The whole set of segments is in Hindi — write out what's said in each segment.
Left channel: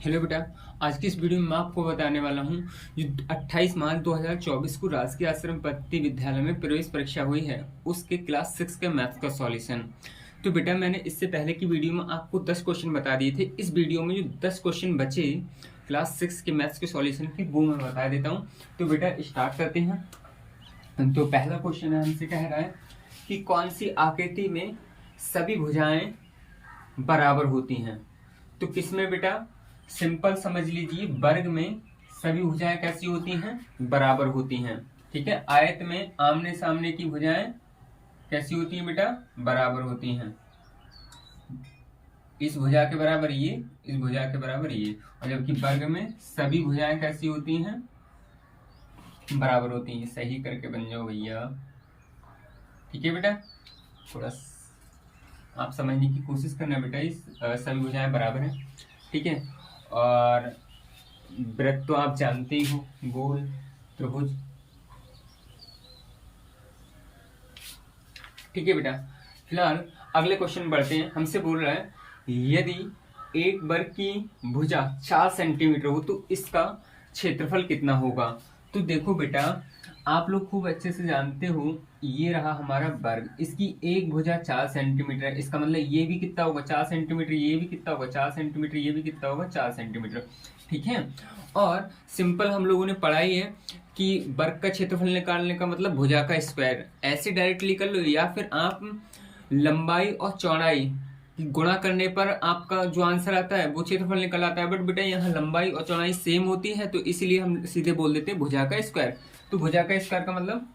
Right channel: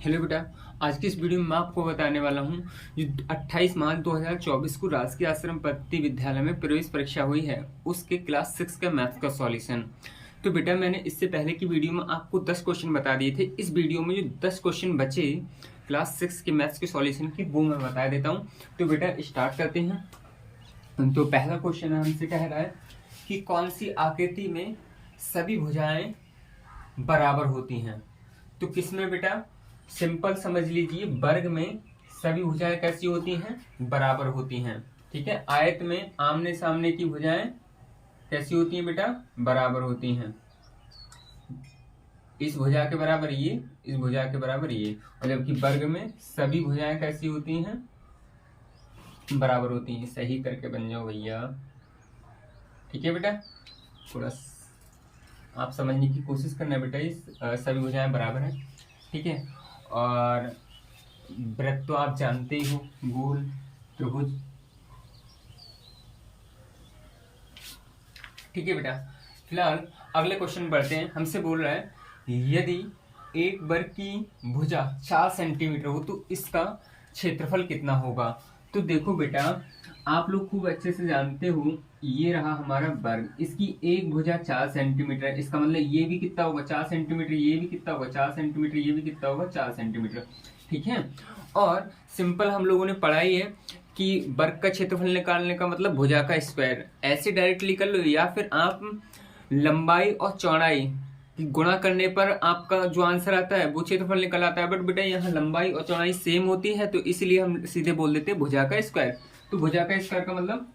हेलो बेटा। आज की इस वीडियो में मैं आपको बताने वाला हूँ जो 28 मार्च 2024 को राजकीय आश्रम पद्धति विद्यालय में प्रवेश परीक्षा हुई है उसके क्लास 6 के मैथ्स का सॉल्यूशन। तो बेटा मैंने इससे पहले की वीडियो में आपको 10 क्वेश्चन बता दिए थे। इस वीडियो में जो 10 क्वेश्चन बचे क्लास 6 के मैथ्स के सॉल्यूशन के वो मैं बता देता हूँ। तो बेटा स्टार्ट करते हैं। तो पहला क्वेश्चन हमसे कह रहा है कि कौन सी आकृति में सभी भुजाएं बराबर होती हैं। तो किसमें बेटा, सिंपल समझ लीजिए, वर्ग में सभी भुजाएं कैसी होती हैं, बराबर होती हैं। ठीक है, आयत में आमने सामने की भुजाएं कैसी होती हैं बेटा, बराबर होती हैं। इस भुजा के बराबर ये, इस भुजा के बराबर ये। और जबकि वर्ग में सभी भुजाएं कैसी होती हैं, बराबर होती हैं। सही करके बन जाओ भैया। ठीक है बेटा, थोड़ा आप समझने की कोशिश करना बेटा। इस सभी भुजाएं बराबर हैं। ठीक है, और वृत्त तो आप जानते ही हो, गोल त्रिभुज। ठीक है बेटा, फिलहाल अगले क्वेश्चन बढ़ते हैं। हमसे बोल रहा है यदि एक वर्ग की भुजा 4 सेंटीमीटर हो तो इसका क्षेत्रफल कितना होगा। तो देखो बेटा, आप लोग खूब अच्छे से जानते हो, ये रहा हमारा वर्ग, इसकी एक भुजा 4 सेंटीमीटर, इसका मतलब ये भी कितना होगा 4 सेंटीमीटर, ये भी कितना होगा 4 सेंटीमीटर, ये भी कितना होगा 4 सेंटीमीटर। ठीक है, और सिंपल हम लोगों ने पढ़ा ही है कि वर्ग का क्षेत्रफल निकालने का मतलब भुजा का स्क्वायर। ऐसे डायरेक्टली कर लो, या फिर आप लंबाई और चौड़ाई गुणा करने पर आपका जो आंसर आता है वो क्षेत्रफल निकल आता है। बट बेटा यहाँ लंबाई और चौड़ाई सेम होती है, तो इसलिए हम सीधे बोल देते हैं भुजा का स्क्वायर। तो भुजा का स्क्वायर का मतलब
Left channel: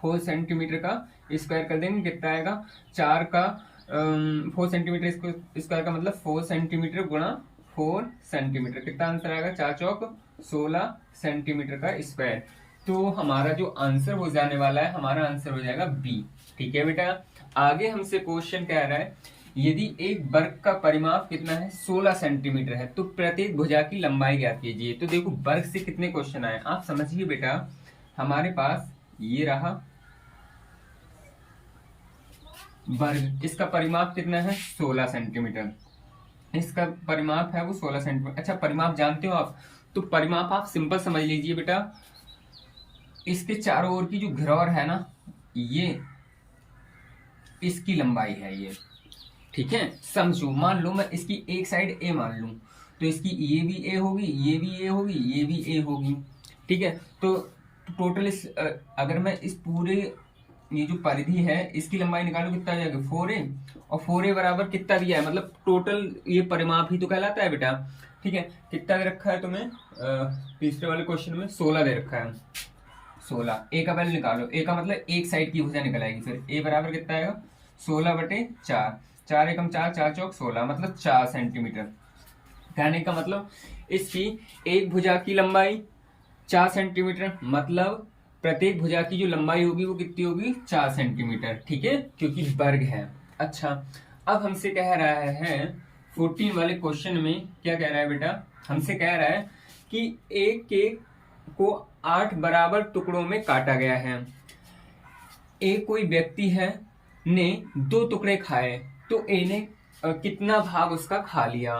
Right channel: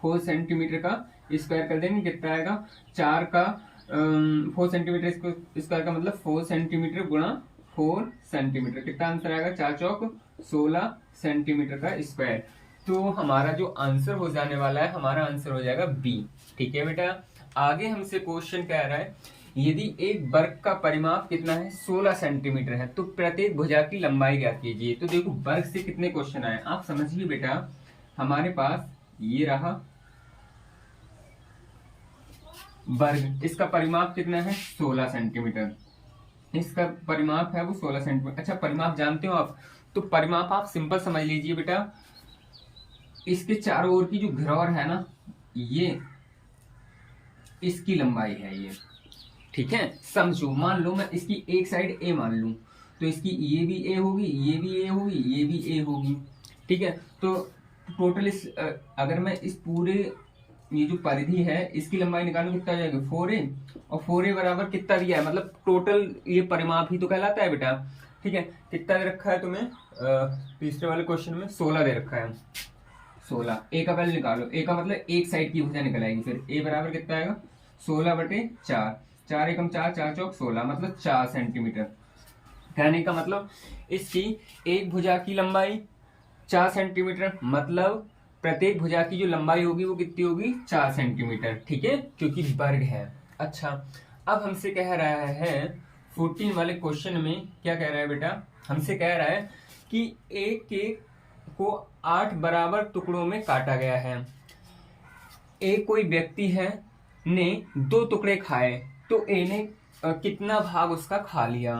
4 सेंटीमीटर का स्क्वायर कर देंगे, कितना आएगा 4 का 4 सेंटीमीटर स्क्वायर का मतलब 4 सेंटीमीटर गुणा 4 सेंटीमीटर, कितना आंसर आएगा 4 चौक 16 सेंटीमीटर का स्क्वायर। तो हमारा जो आंसर हो जाने वाला है, हमारा आंसर हो जाएगा बी। ठीक है बेटा, आगे हमसे क्वेश्चन कह रहा है यदि एक वर्ग का परिमाप कितना है 16 सेंटीमीटर है तो प्रत्येक भुजा की लंबाई ज्ञात कीजिए। तो देखो वर्ग से कितने क्वेश्चन आए आप समझिए बेटा। हमारे पास ये रहा वर्ग, इसका परिमाप कितना है 16 सेंटीमीटर, इसका परिमाप है वो 16 सेंटीमीटर। अच्छा, परिमाप जानते हो आप, तो परिमाप आप सिंपल समझ लीजिए बेटा, इसके चारों ओर की जो घेरौर है ना, ये इसकी लंबाई है ये। ठीक है, समझो, मान लो मैं इसकी एक साइड ए मान लूं, तो इसकी ये भी ए होगी, ये भी ए होगी, ये भी ए होगी। ठीक है, तो टोटल इस अगर मैं इस पूरे ये जो परिधि है इसकी लंबाई निकालूं, कितना हो जाएगा 4a, और 4a बराबर कितना दिया है, मतलब टोटल ये परिमाप ही तो कहलाता है बेटा। ठीक है, कितना दे रखा है तुम्हें तीसरे वाले क्वेश्चन में 16 दे रखा है। 16 ए का वैल्यू निकालो, ए का मतलब एक साइड की भुजा निकल आएगी, फिर ए बराबर कितना आएगा 16/4, 4 एकम 4, 4 चौक 16, मतलब 4 सेंटीमीटर। कहने का मतलब इसकी एक भुजा की लंबाई 4 सेंटीमीटर, मतलब प्रत्येक भुजा की जो लंबाई होगी वो कितनी होगी 4 सेंटीमीटर। ठीक है, क्योंकि वर्ग है। अच्छा, अब हमसे कह रहा है 14 वाले क्वेश्चन में क्या कह रहा है बेटा, हमसे कह रहा है कि एक केक को 8 बराबर टुकड़ों में काटा गया है। एक कोई व्यक्ति है ने 2 टुकड़े खाए, तो ए ने कितना भाग उसका खा लिया।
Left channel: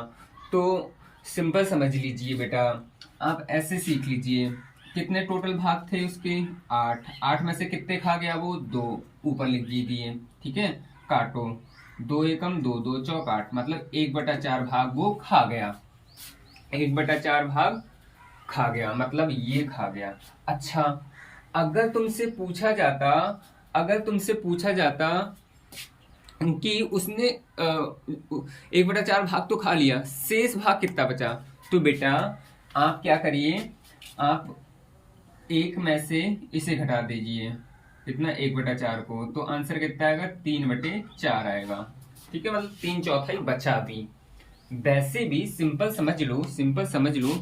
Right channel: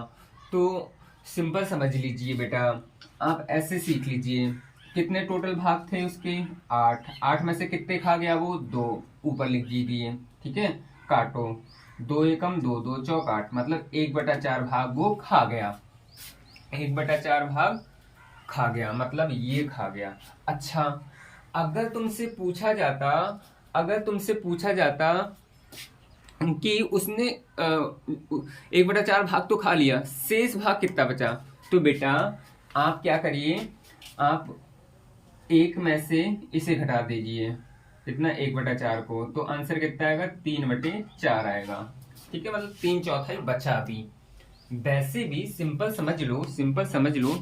तो सिंपल समझ लीजिए बेटा, आप ऐसे सीख लीजिए, कितने टोटल भाग थे उसके 8, 8 में से कितने खा गया वो 2, ऊपर लिख दीजिए। ठीक है, काटो, 2 एकम 2, 2 चौक 8, मतलब 1/4 भाग वो खा गया, 1/4 भाग खा गया, मतलब ये खा गया। अच्छा, अगर तुमसे पूछा जाता, अगर तुमसे पूछा जाता कि उसने 1/4 भाग तो खा लिया, शेष भाग कितना बचा, तो बेटा आप क्या करिए, आप 1 में से इसे घटा दीजिए, कितना 1/4 को, तो आंसर कितना आएगा 3/4 आएगा। ठीक है, मतलब 3/4 बचा भी। वैसे भी सिंपल समझ लो, सिंपल समझ लो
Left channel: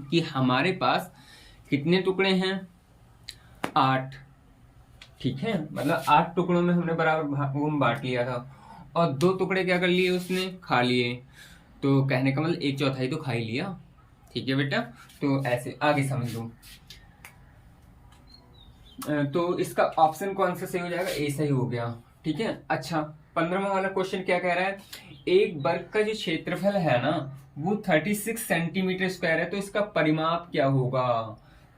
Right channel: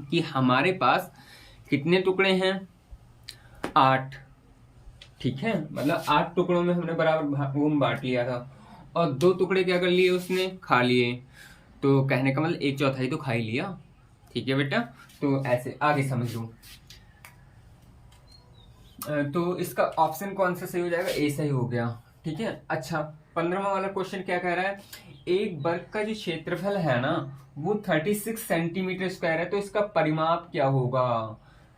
कि हमारे पास कितने टुकड़े हैं 8। ठीक है, मतलब 8 टुकड़ों में हमने बराबर वो बांट लिया था, और 2 टुकड़े क्या कर लिए उसने, खा लिए। तो कहने का मतलब 1/4 तो खा ही लिया। ठीक है बेटा, तो ऐसे आगे समझ लो। तो इसका ऑप्शन कौन सा सही हो जाएगा, ए सही हो गया। ठीक है, अच्छा 15वां वाला क्वेश्चन क्या कह रहा है, एक वर्ग का जो क्षेत्रफल है ना वो 36 सेंटीमीटर स्क्वायर है, तो इसका परिमाप क्या होगा?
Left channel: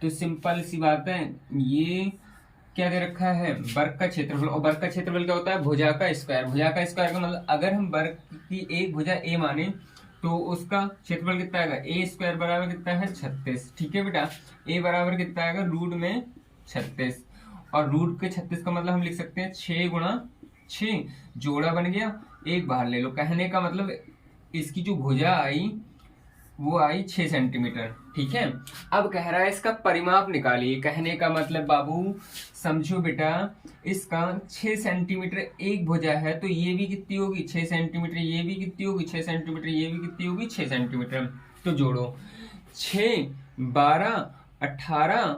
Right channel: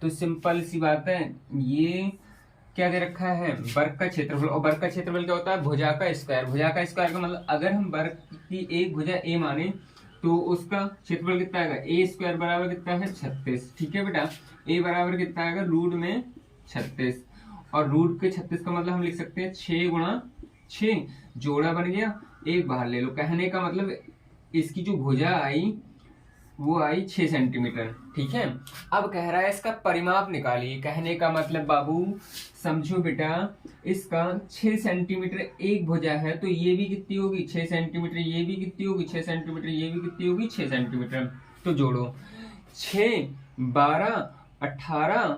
तो सिंपल सी बात है, ये क्या दे रखा है? वर्ग का क्षेत्रफल, और वर्ग का क्षेत्रफल क्या होता है? भुजा का स्क्वायर। भुजा का स्क्वायर का मतलब अगर हम वर्ग की एक भुजा ए माने तो उसका क्षेत्रफल कितना आएगा? ए स्क्वायर बराबर कितना है? 36। ठीक है बेटा, ए बराबर कितना आएगा? रूट में 36, और रूट के 36 का मतलब हम लिख सकते हैं 6 गुणा 6, जोड़ा बन गया, एक बाहर ले लो। कहने का मतलब इसकी जो भुजा आई वो आई 6 सेंटीमीटर। ठीक है, अब कह रहा है इसका परिमाप निकालिए। कहने का मतलब बाबू समझो बेटा, इसका 6 सेंटीमीटर एक भुजा है, तो ये भी कितनी होगी? 6 सेंटीमीटर। ये भी कितनी होगी? 6 सेंटीमीटर। ये भी कितनी होगी? 6 सेंटीमीटर। तो जोड़ो, 6, 12, 18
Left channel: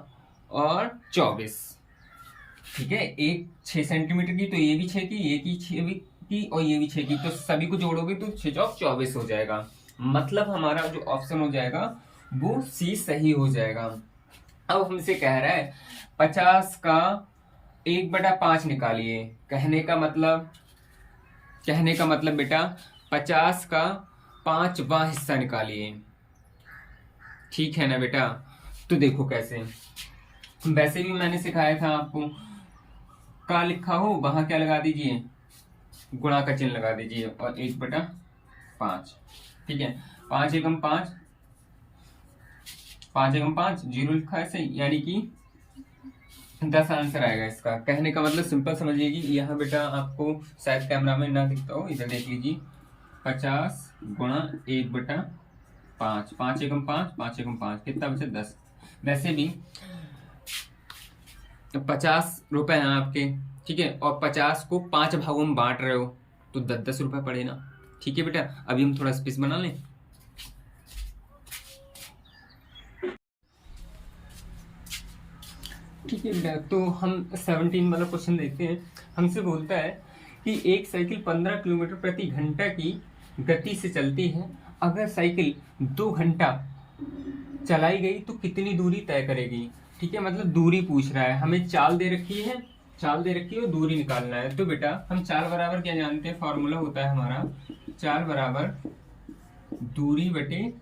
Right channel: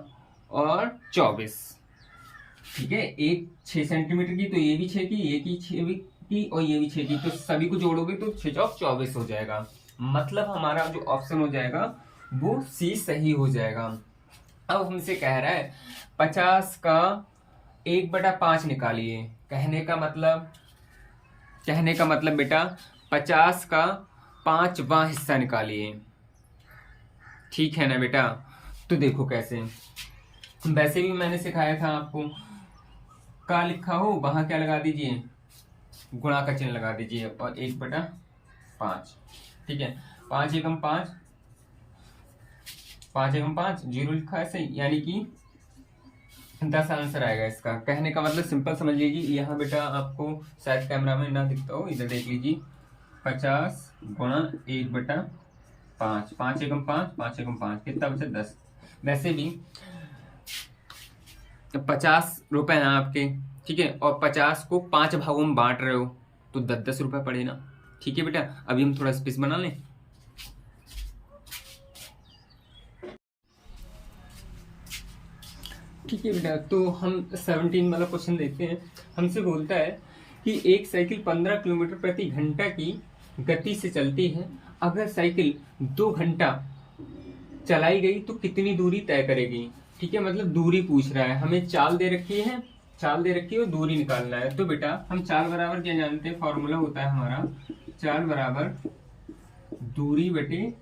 और 24। ठीक है, एक 6 सेंटीमीटर की, तो ये भी 6 की, ये की 6 की, और ये भी 6 की, तो सभी को जोड़ोगे तो 6 चौक 24 हो जाएगा। मतलब हमारा जो ऑप्शन हो जाएगा वो सी सही हो जाएगा। अब हमसे कह रहा है 50 का 1/5 निकालिए। कहने का मतलब बेटा 50 का 5वां हिस्सा निकालिए। ठीक है ना बेटा? तो देखो कैसे, वैसे भी मैंने सिखाया था आपको, कहाँ लिखा हो वहां क्या लगा दीजिए? गुणा का चिन्ह लगा दीजिए, और 1/5। ठीक है, 5 एकम 5, 5 एकम 5, 0 लिखा है सही, यानी कि 10 आंसर आएगा इसका। कहने का मतलब सिंपल समझ लीजिए, यहाँ बेटा आपको शायद कैमरा में ना दिखता हो, इधर देख लीजिए, 50 गुणा 1/5, 5 एकम 5, 5 एकम 5, कितना बचा? 10। वैसे भी 50 रुपए हैं आपके, ठीक है, और 50 को 5 भागों में बांट रहे हो, तो 10-10 रुपए पड़े ना। ठीक है बेटा, अभी हम थोड़ा स्पेस बना लें। ठीक है बेटा, तो हम 17 वाला क्वेश्चन देखते हैं। हमसे बोलता है कि एक साइकिल 15 किलोमीटर प्रति घंटा की गति से चलती है। अगर साइकिल 2 घंटा चलाई गई तो कितनी दूरी तय करेगी? ठीक है, मतलब दूरी पूछ रहा है, हमें चाल दे रखी है, और दूरी निकालना है। तो बेटा हम चाल बराबर क्या जानते हैं? फॉर्मूला होता है हमारा, चाल बराबर दूरी बटे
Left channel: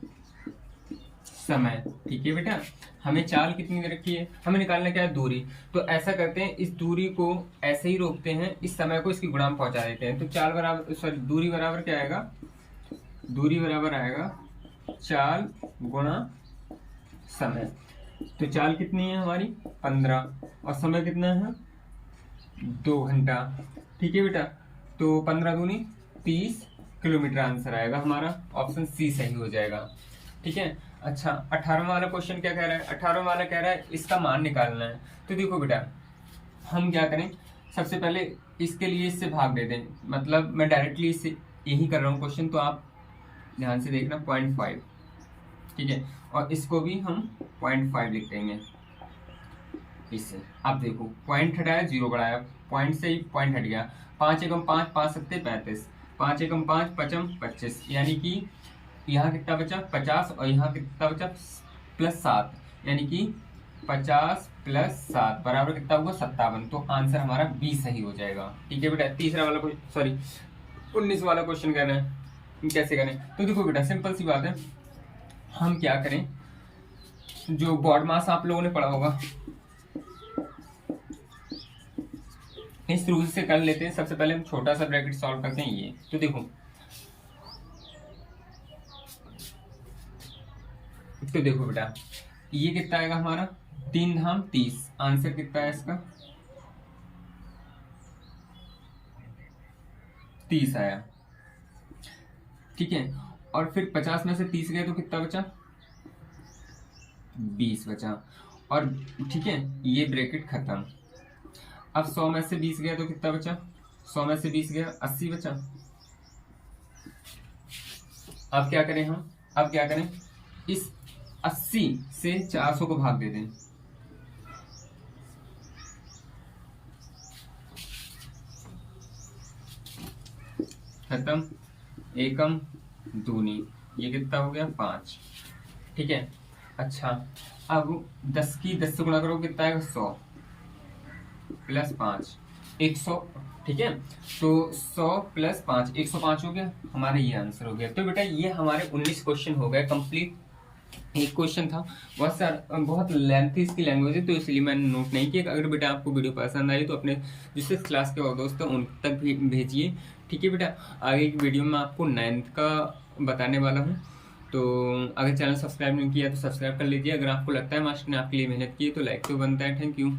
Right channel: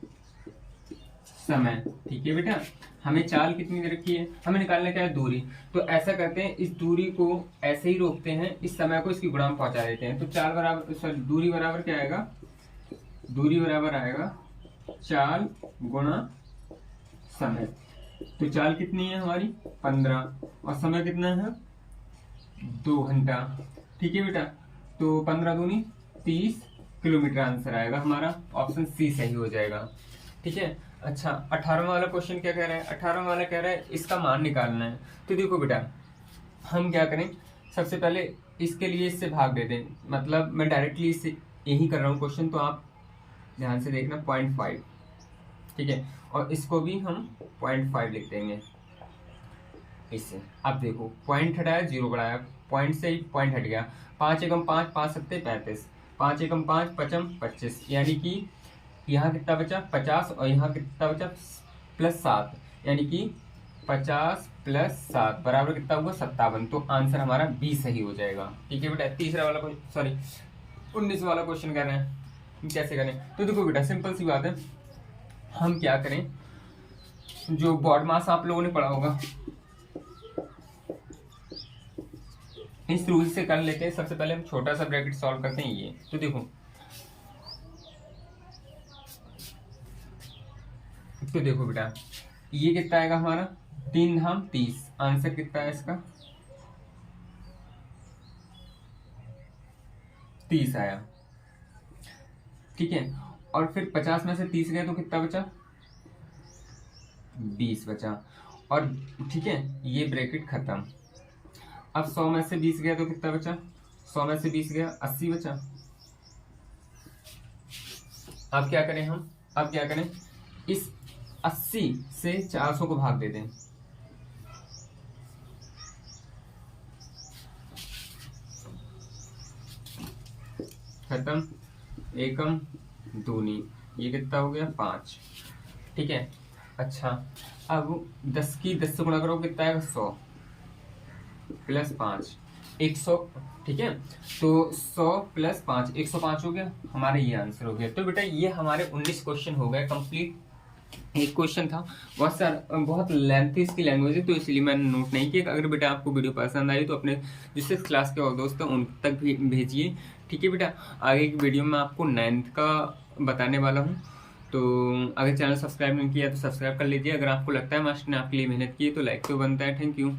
समय। ठीक है बेटा, हमें चाल कितनी दे रखी है, हमें निकालना क्या है? दूरी। तो ऐसा करते हैं, इस दूरी को ऐसे ही रोकते हैं, इस समय को इसकी गुणा में पहुंचा देते हैं। तो चाल बराबर, सॉरी, दूरी बराबर क्या आएगा? दूरी बराबर आएगा चाल गुणा समय। तो चाल कितनी है हमारी? 15, और समय कितना है? 2 घंटा। ठीक है बेटा, तो 15 दूनी 30 किलोमीटर आंसर आएगा हमारा, ऑप्शन सी सही हो जाएगा। ठीक है, अच्छा 18वां वाला क्वेश्चन क्या कह रहा है? 18वां वाला कह रहा है इसका मान निकालना है। तो देखो बेटा, हम क्या करें, सबसे पहले इसके लिए इससे भाग दे दें, मतलब मैं डायरेक्टली इससे यही कर रहा हूँ क्वेश्चन, तो आप ध्यान से देखना, 0.5। ठीक है, और इसको भी हम 0.5 लिख देंगे इससे। अब देखो, पॉइंट हटाया, 0 बढ़ाया, पॉइंट से ही पॉइंट हट गया। 5 एकम 5, 5 सत्ते 35, 5 एकम 5, 5 25, यानी कि यहाँ कितना बचा? 50, और यहाँ कितना बचा? +7, यानी कि 50 + 7 बराबर कितना हुआ? 57। तो आंसर हमारा बी सही हो जाएगा। ठीक है बेटा, तीसरा वाला क्वेश्चन, सॉरी 19 वाला क्वेश्चन कर रहे हैं, कैसे करें? तो देखो बेटा, सिंपल सी बात है, हम क्या करें, जो बॉड मास आप लोगों ने पढ़ा होगा, इस रूल से कर लेते हैं। सबसे पहले हम छोटा सा ब्रैकेट सॉल्व करते हैं ये। तो देखो, बेटा, ये कितना आएगा हमारा? 3 धाम 30, आंसर कितना है इसका? 30 आया। ठीक है, और फिर 50 में से 30 गए तो कितना बचा? 20 बचा। और ठीक है, ये ब्रैकेट खत्म। अब 100 में से 20 गया तो कितना बचा? 100 में से 20 गया, 80 बचा। अब क्या करें हम? इस 80 से 400 को भाग दे दें। खत्म, एकम दूनी, ये कितना हो गया? 5। ठीक है, अच्छा अब 10 की 10 से गुणा करो, कितना आएगा? 100 + 5, 100, ठीक है। तो 100 + 5 105 हो गया, हमारा ये आंसर हो गया। तो बेटा ये हमारे 19 क्वेश्चन हो गए कंप्लीट। एक क्वेश्चन था बहुत सारा, बहुत लेंथी इसकी लैंग्वेज है, तो इसलिए मैंने नोट नहीं किया। अगर बेटा आपको वीडियो पसंद आई तो अपने जो 6th क्लास के और दोस्त हैं उन तक भी भेजिए, ठीक है बेटा। आगे की वीडियो में आपको 9th का बताने वाला हूँ। तो अगर चैनल सब्सक्राइब नहीं किया तो सब्सक्राइब कर लीजिए। अगर आपको लगता है मास्टर ने आपके लिए मेहनत की है तो लाइक तो बनता है। Thank you.